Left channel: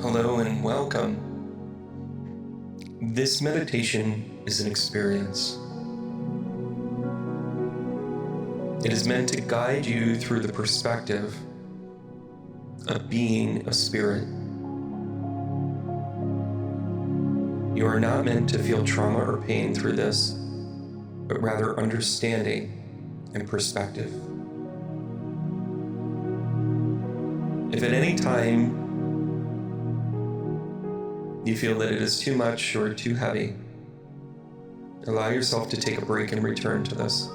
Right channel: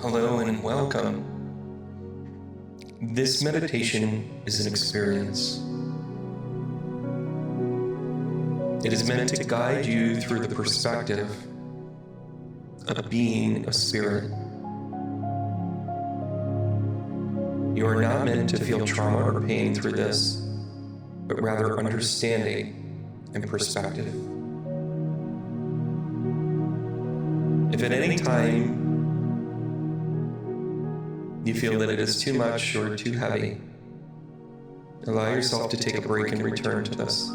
Hello and welcome. This meditation is an experience. It is meant to guide you through the perspective of being a spirit. You are not meant to feel trauma or pain through this, but rather understanding and perspective. If at any time you feel that it is too much or too heavy, allow yourself to take a break and return to this.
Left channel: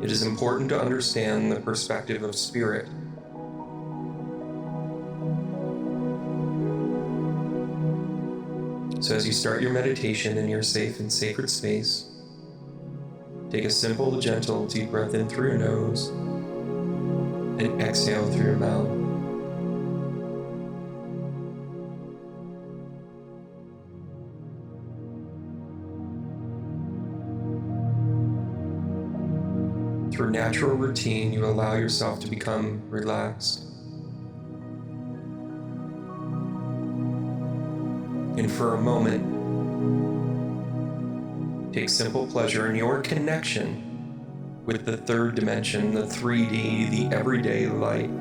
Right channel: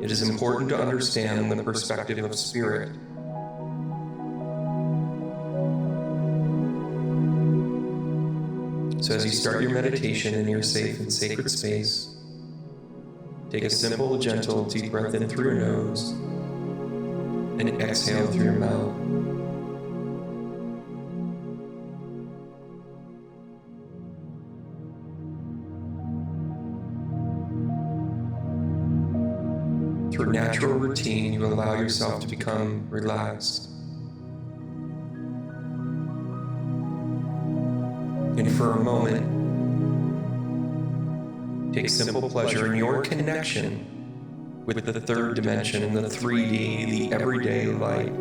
It is important to understand the perspective of spirit. So as you start your meditation in your safe and sacred space, take a simple, gentle, deep breath in through your nose and exhale through your mouth. Through natural routine, you allow yourself to become relaxed. And for a moment, take simple pleasure in your connection with the third dimension, the 3D, the everyday light.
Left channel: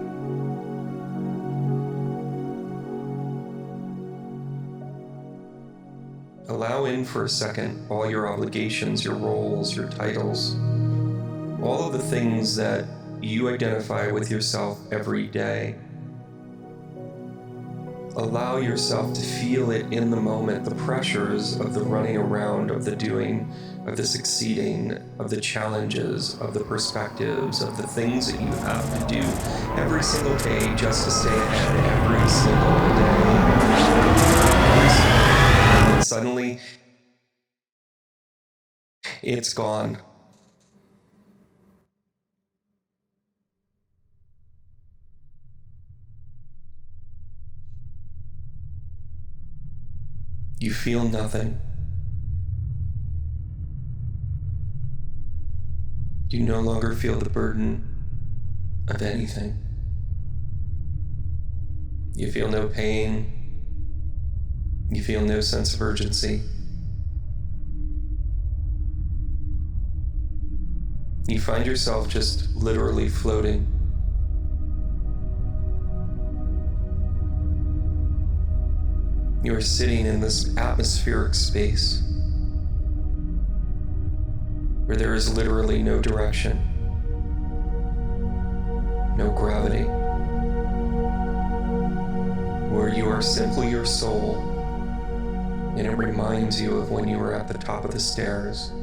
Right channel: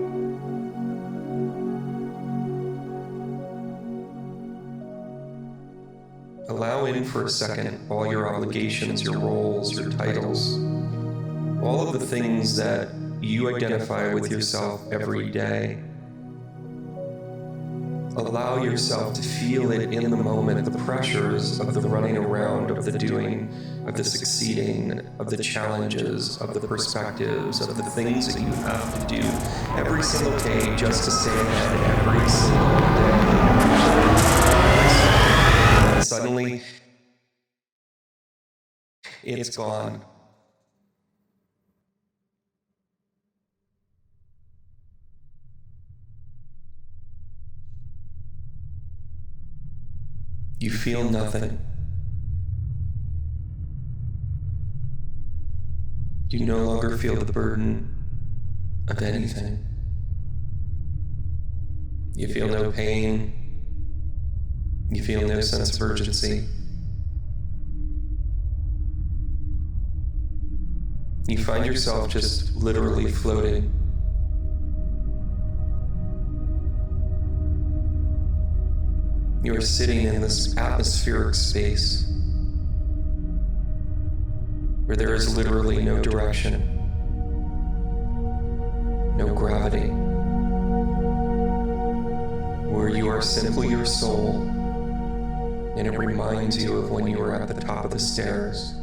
Allow in for a second all your obligations, your roles, your titles, all of the things that you identify with yourself every day. Allow yourself to feel it in the moment, the pressures of the running around, of the doing, of the succeeding, of the challenges, of the perspectives, of the things that you have to do every single day just to stay ahead every single day, every single day. And then suddenly, it's gone. You feel nothing. You no longer feel the burden of anything. You feel no pain. You feel no sense of urgency. You find yourself just literally floating. You are sitting in this atmospheric space where there is literally no direction, no gravity, where you are simply your soul, and it reminds you of when you were at the top of the stairs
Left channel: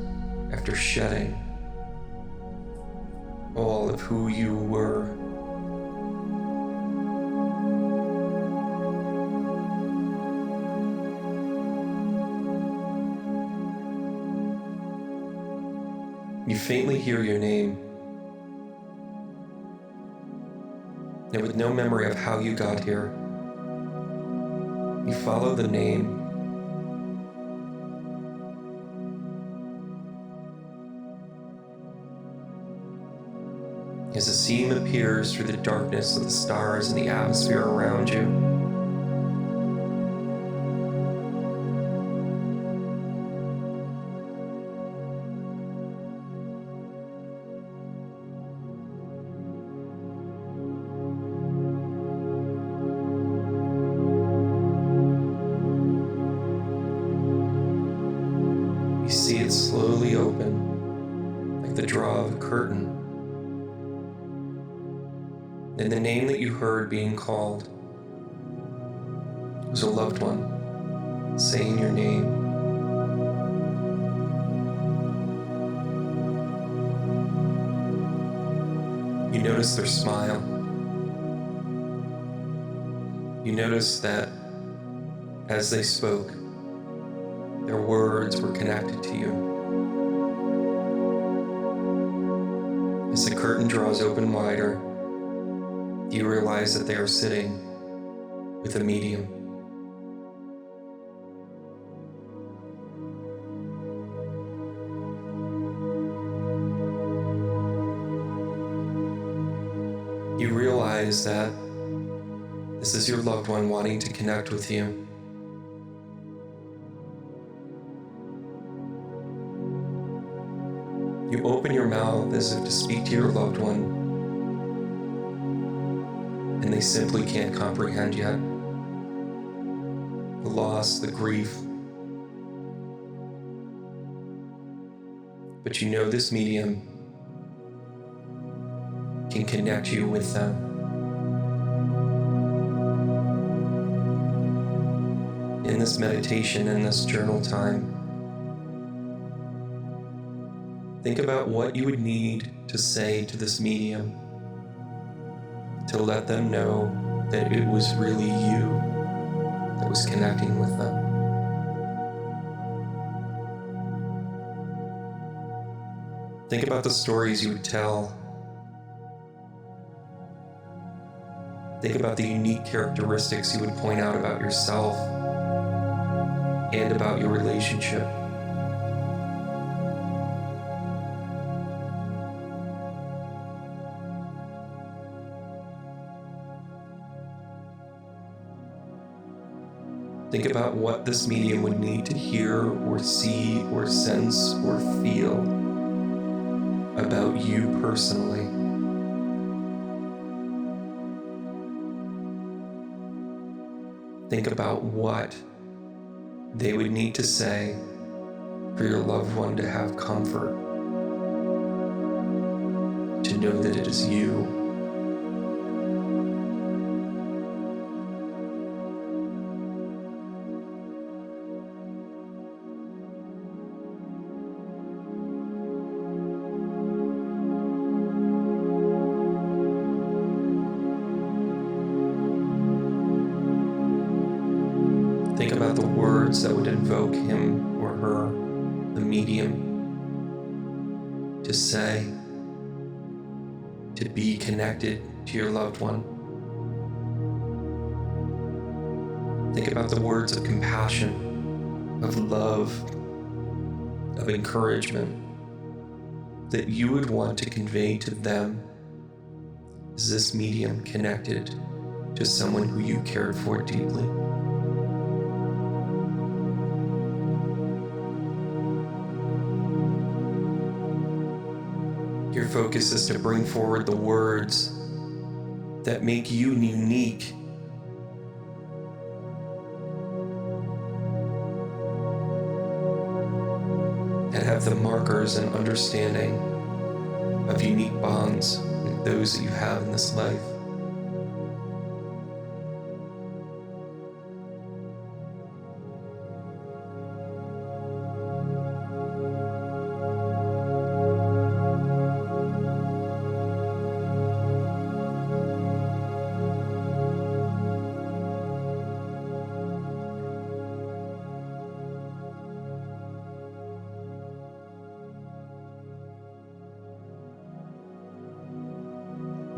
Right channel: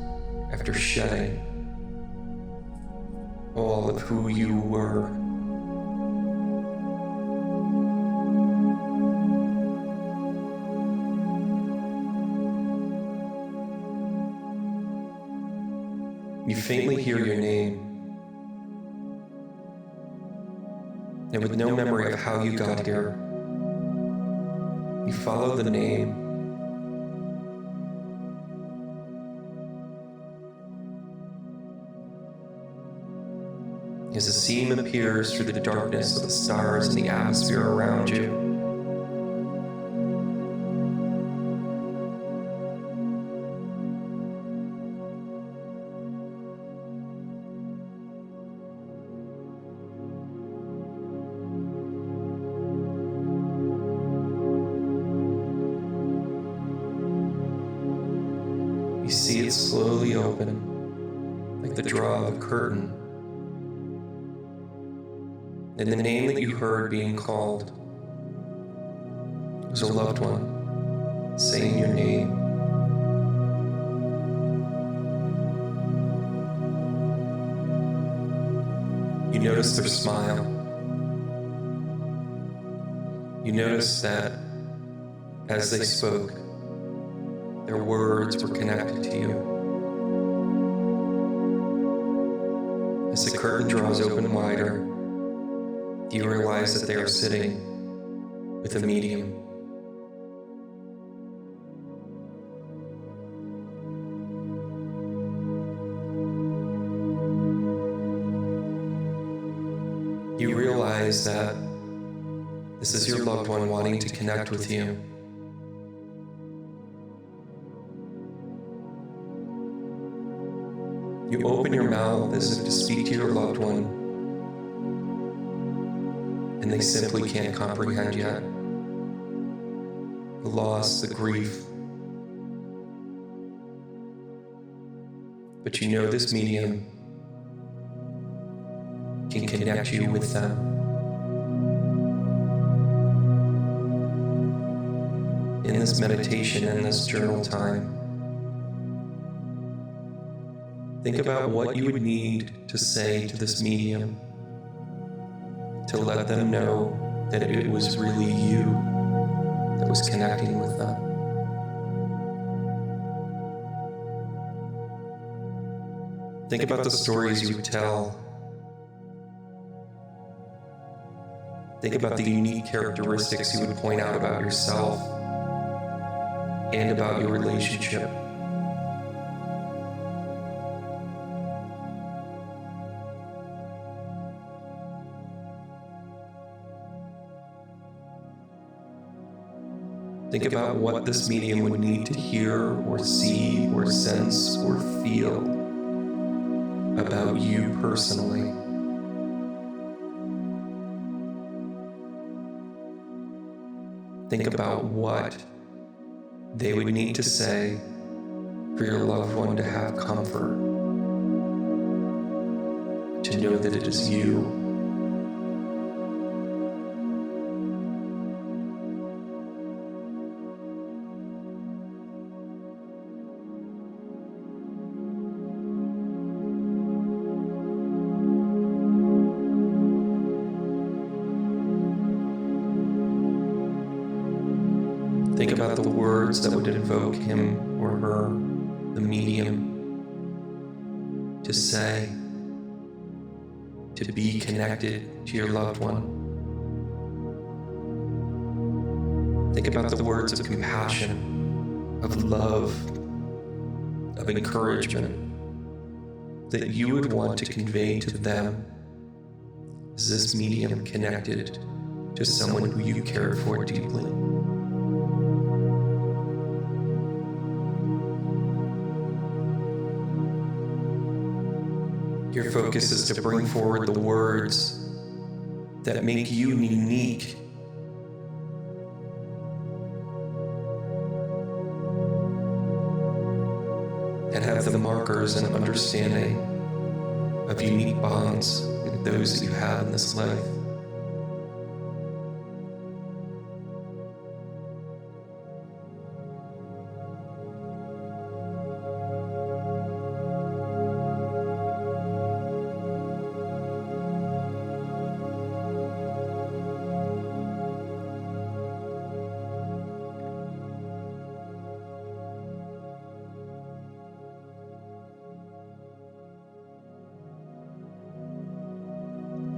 after shedding all of who you were. You faintly hear your name, and with no memory of how you got here, you follow the name. As a seam appears through the darkness of the stars and the atmosphere around you, you see it slowly open, like the draw of a curtain. And the name that you heard being called was a loved one saying your name. You notice their smile. You notice that as they spoke, their words were connected to you. As the curtain draws open wider, you realize that they are sitting with a medium. You realize that This is your loved one wanting to connect with you. You open your mouth as if to speak to your loved one, and they simply can't comprehend yet. The loss, the grief. But you know this medium can connect you with them. In this meditation, in this journal time, think about what you would need to say to this medium to let them know that it was really you that was connecting with them. Think about the stories you would tell. Think about the unique characteristics you would point out about yourself and about your relationship. Think about what this medium would need to hear or see or sense or feel about you personally. Think about what they would need to say for your loved one to have comfort, to know that it is you. Think about the words that would invoke him or her, the medium, to say, to be connected to your loved one. Think about the words of compassion, of love, of encouragement that you would want to convey to them as this medium connected to someone who you cared for deeply. Your focus is to bring forward the words that make you unique. That have the markers and understanding of unique bonds with those that you have in this life.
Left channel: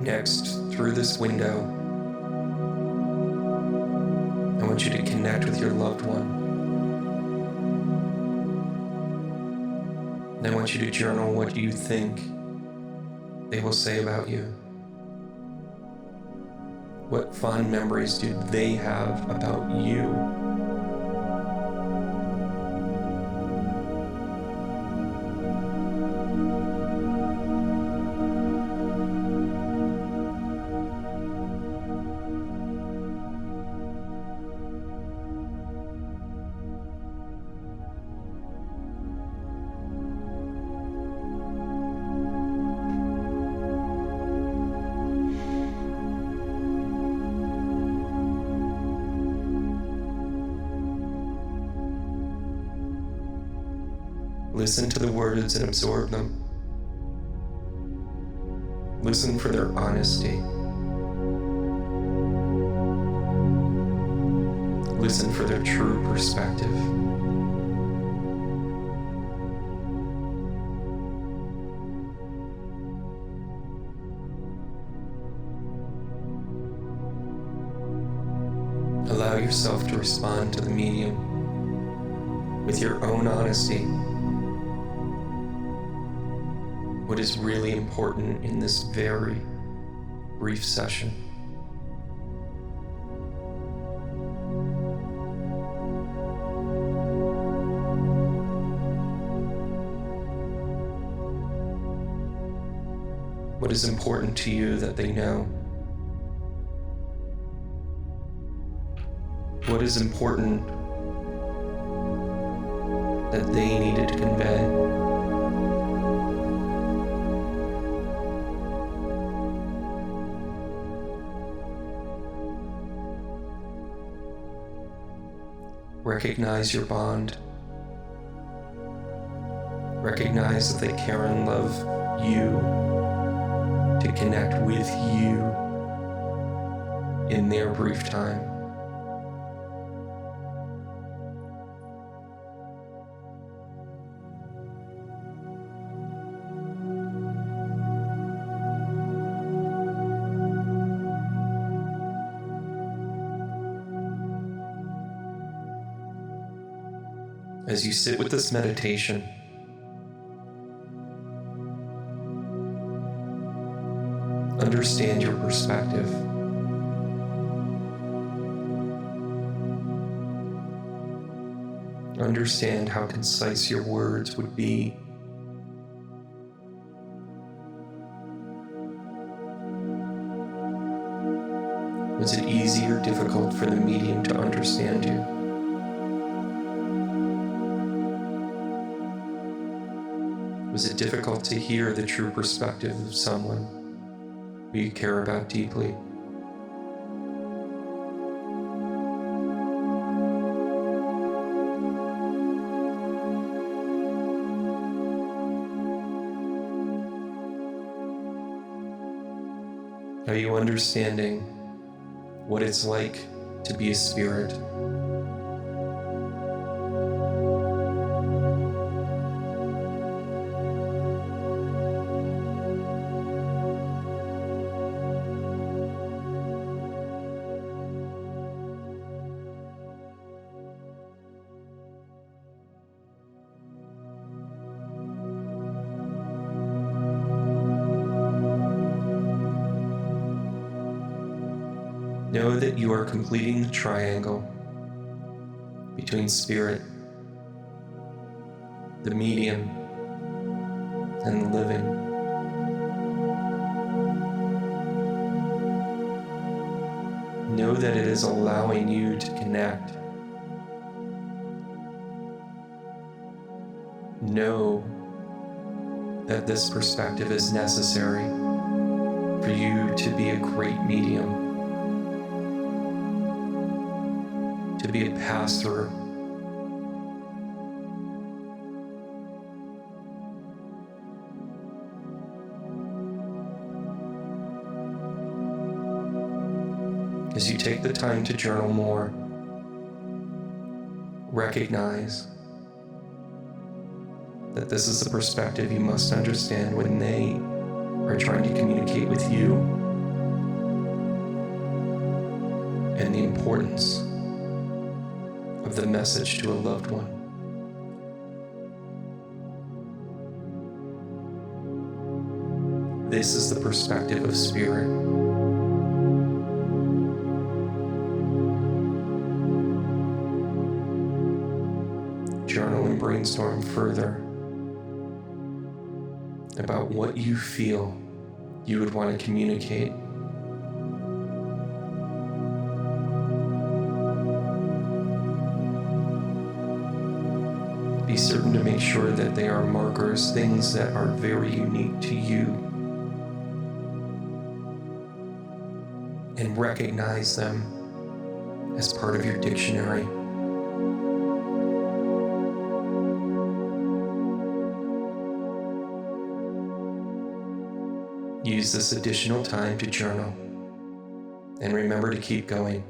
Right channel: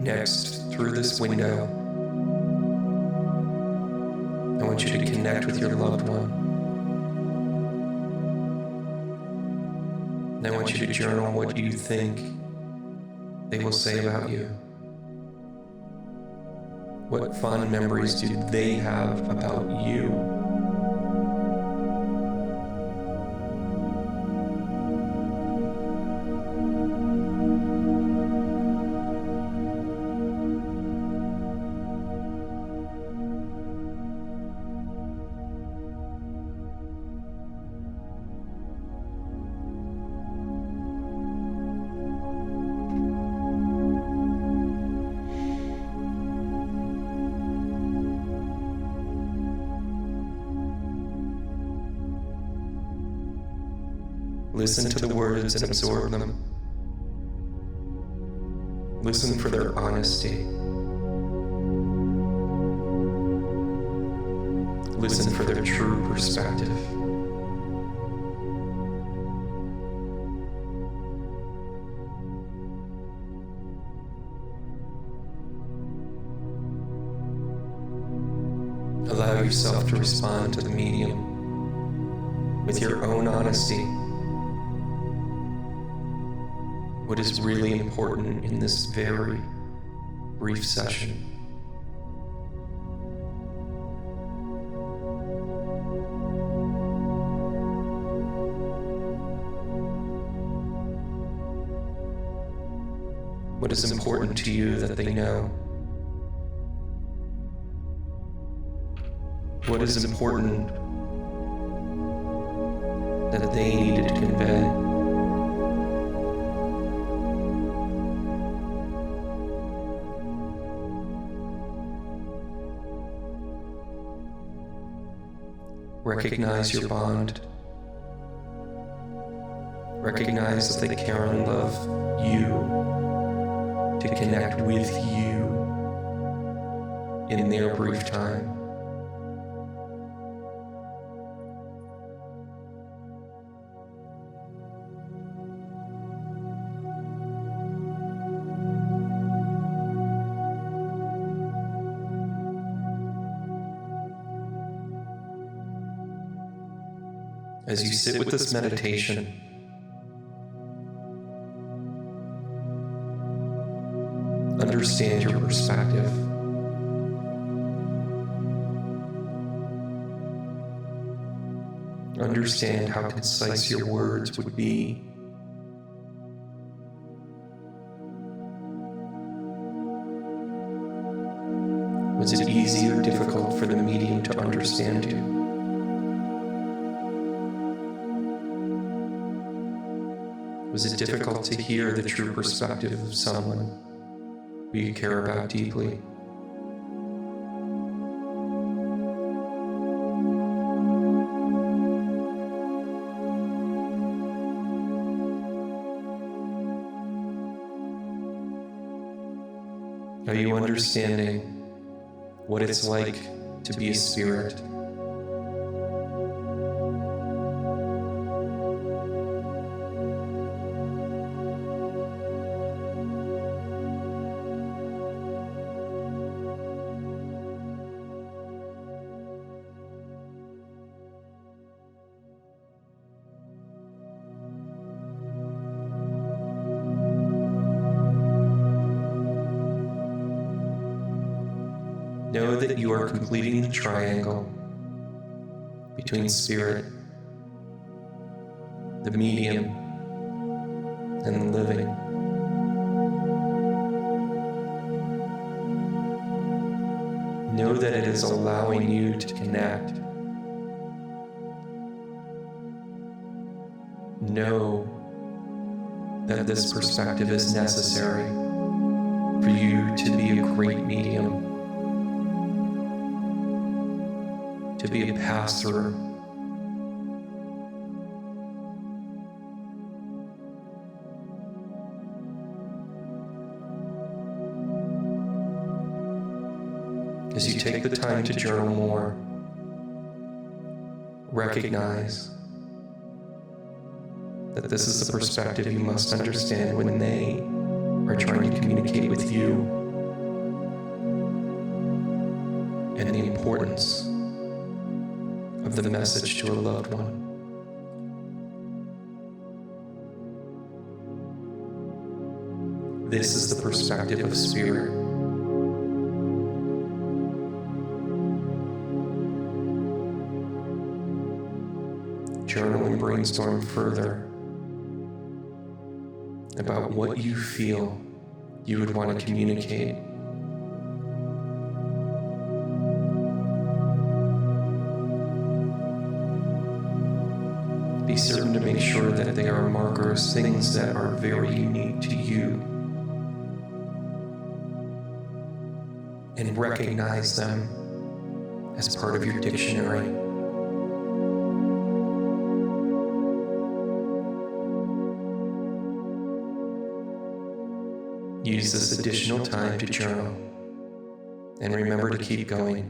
Next, through this window, I want you to connect with your loved one. And I want you to journal what you think they will say about you. What fond memories do they have about you? Listen to the words and absorb them. Listen for their honesty. Listen for their true perspective. Allow yourself to respond to the medium with your own honesty. What is really important in this very brief session. What is important to you that they know? What is important that they needed to convey? Recognize your bond. Recognize that they care and love you to connect with you in their brief time. As you sit with this meditation, understand your perspective. Understand how concise your words would be. Was it easy or difficult for the medium to understand you? Was it difficult to hear the true perspective of someone who you care about deeply? Are you understanding what it's like to be a spirit? Know that you are completing the triangle between spirit, the medium, and the living. Know that it is allowing you to connect. Know that this perspective is necessary for you to be a great medium, to be a pass-through. As you take the time to journal more, recognize that this is the perspective you must understand when they are trying to communicate with you, and the importance of the message to a loved one. This is the perspective of spirit. Journal and brainstorm further about what you feel you would want to communicate. Be certain to make sure that they are markers, things that are very unique to you, and recognize them as part of your dictionary. Use this additional time to journal, and remember to keep going.